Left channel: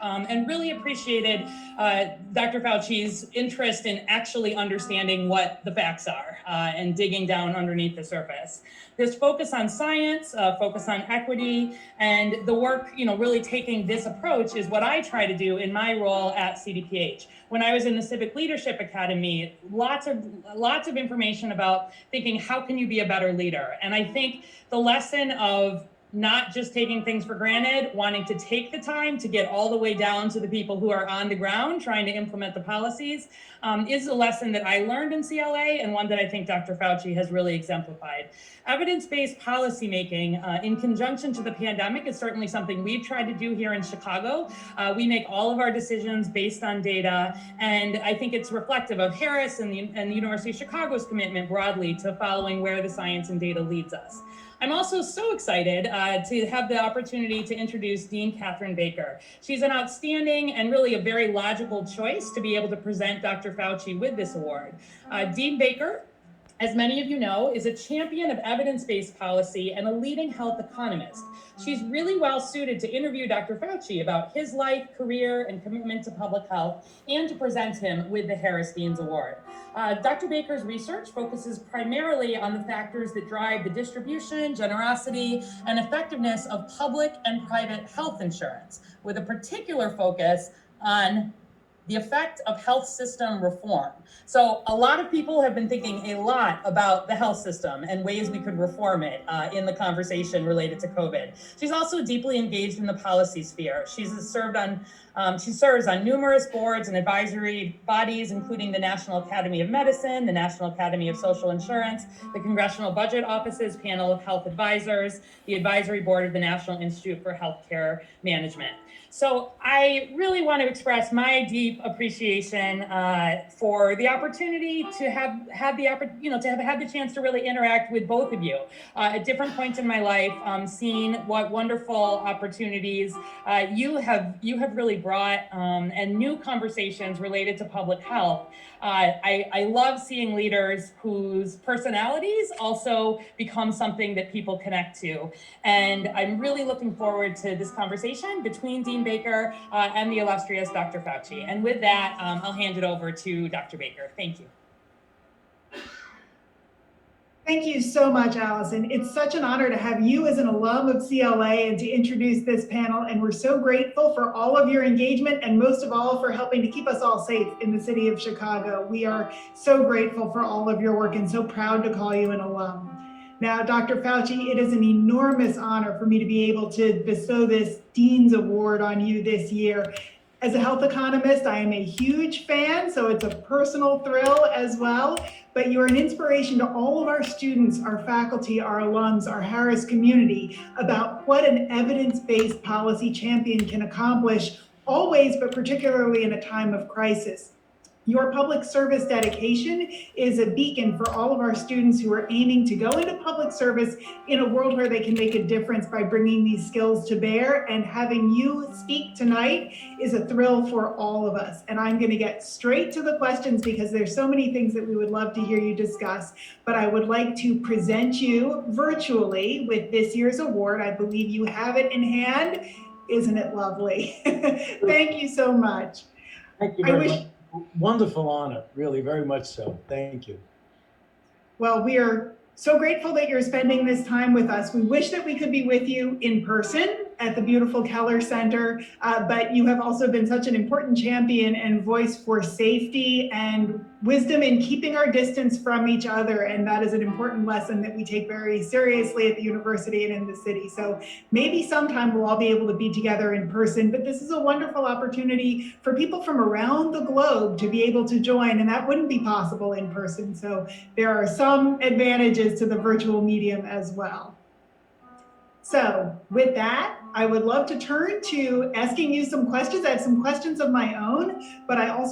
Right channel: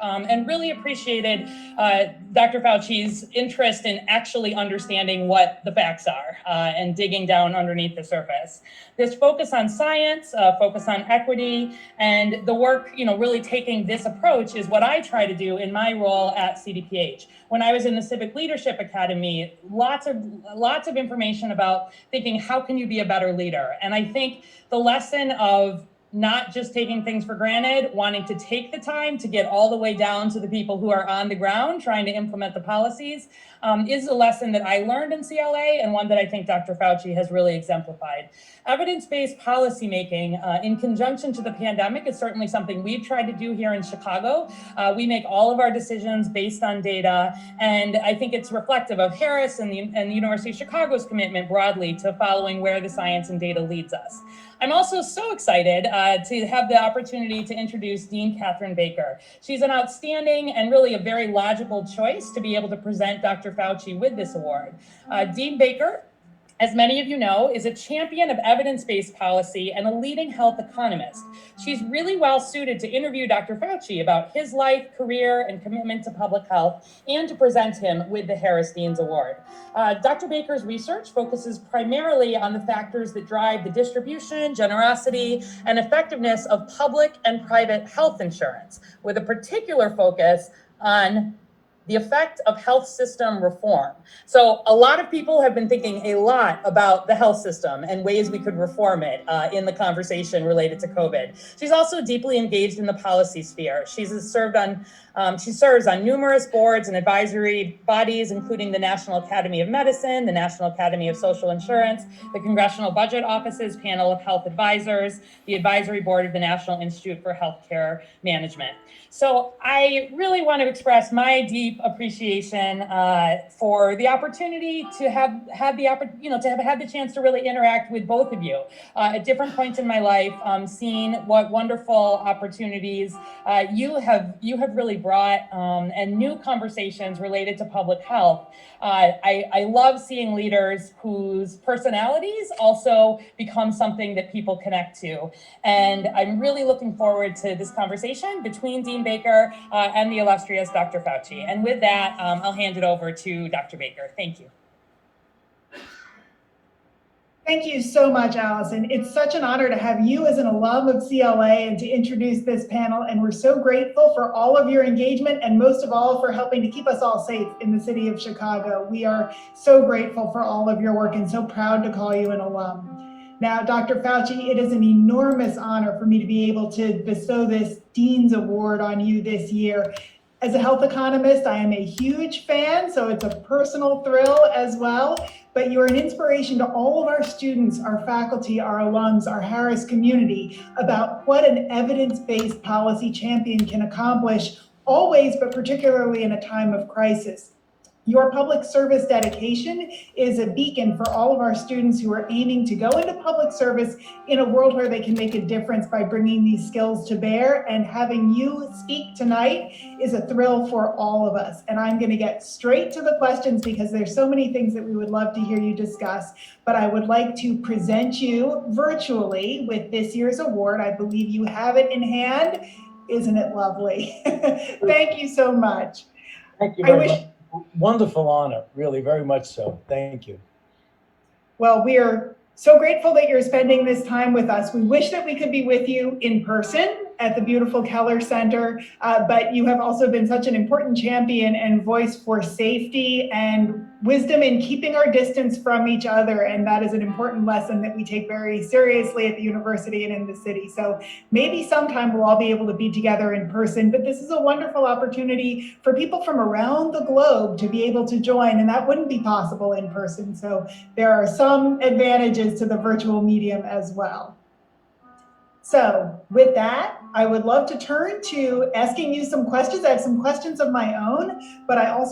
and really appreciated Dr. Fauci's interest in actually understanding what the facts are and digging down underneath the surface. This focus on science, focus on equity, and the work, really taking this approach is what I try to do in my role at CDPH. When I was in the Civic Leadership Academy, lots of information about thinking, how can you be a better leader? And I think the lesson of not just taking things for granted, wanting to take the time to get all the way down to the people who are on the ground trying to implement the policies is a lesson that I learned in CLA and one that I think Dr. Fauci has really exemplified. Evidence-based policymaking in conjunction to the pandemic is certainly something we've tried to do here in Chicago. We make all of our decisions based on data, and I think it's reflective of Harris and the University of Chicago's commitment broadly to following where the science and data leads us. I'm also so excited to have the opportunity to introduce Dean Catherine Baker. She's an outstanding and really a very logical choice to be able to present Dr. Fauci with this award. Dean Baker, as many of you know, is a champion of evidence-based policy and a leading health economist. She's really well suited to interview Dr. Fauci about his life, career, and commitment to public health, and to present him with the Harris Dean's Award. Dr. Baker's research focuses primarily on the factors that drive the distribution, generosity, and effectiveness of public and private health insurance, with a particular focus on the effect of health system reform. So a lot of people have been thinking a lot about the health system and ways we could reform it in the conversation related to COVID. She's also deeply engaged in the policy sphere. She serves on numerous boards and advisory bodies, including the National Academy of Medicine, the National Academy of Social Insurance, the Congressional Budget Office's Panel of Health Advisors, the Advisory Board of the National Institute for Healthcare Management. So I really want to express my deep appreciation for the opportunity to have had the chance to really interact with both of you at different points in my life, seeing what wonderful opportunities you have really brought and new conversations related to public health. I love seeing leaders whose personalities also become something that people connect to. And I'm really looking forward to this conversation between Dean Baker and the illustrious Dr. Fauci. And with that, I'll hand it over to Dr. Baker. Thank you. Thank you so much, Allison. It's such an honor to have you as an alum of CLA and to introduce this panel. And we're so grateful for all of your engagement and most of all for helping to keep us all safe in the city of Chicago. We are so grateful for all of your work and so proud to call you an alum. Now, Dr. Fauci, it is an enormous honor for me to be able to bestow this Dean's Award on you this year. As a health economist, I am a huge fan, so it's a personal thrill as well. But you're an inspiration to all of our students, our faculty, our alums, our Harris community about what an evidence-based policy champion can accomplish always, but particularly in a time of crisis. Your public service dedication is a beacon for all of our students who are aiming to go into public service in a world where they can make a difference by bringing these skills to bear. And having you speak tonight is a thrill for all of us. And I'm going to get straight to the questions because there's so many things that we would love to hear you discuss. But I would like to present you virtually with this year's award. I believe you have it in hand. Isn't it lovely? Thank you so much. Thank you very much. Wonderful honor, really, very much so. Thank you. Well, we are so grateful that you're spending this time with us. We wish that we could be with you in person at the beautiful Keller Center, but you have also been such an important champion and voice for safety and wisdom in keeping our distance from each other. And that is an important lesson that we take very seriously at the university and in the city. So maybe sometime we'll all be able to be together in person, but this is a wonderful opportunity for people from around the globe to be able to join, and that wouldn't be possible in person. So there are some advantages to the virtual medium as well. So with that, I would love to turn to asking you some questions. I have some questions of my own, but I also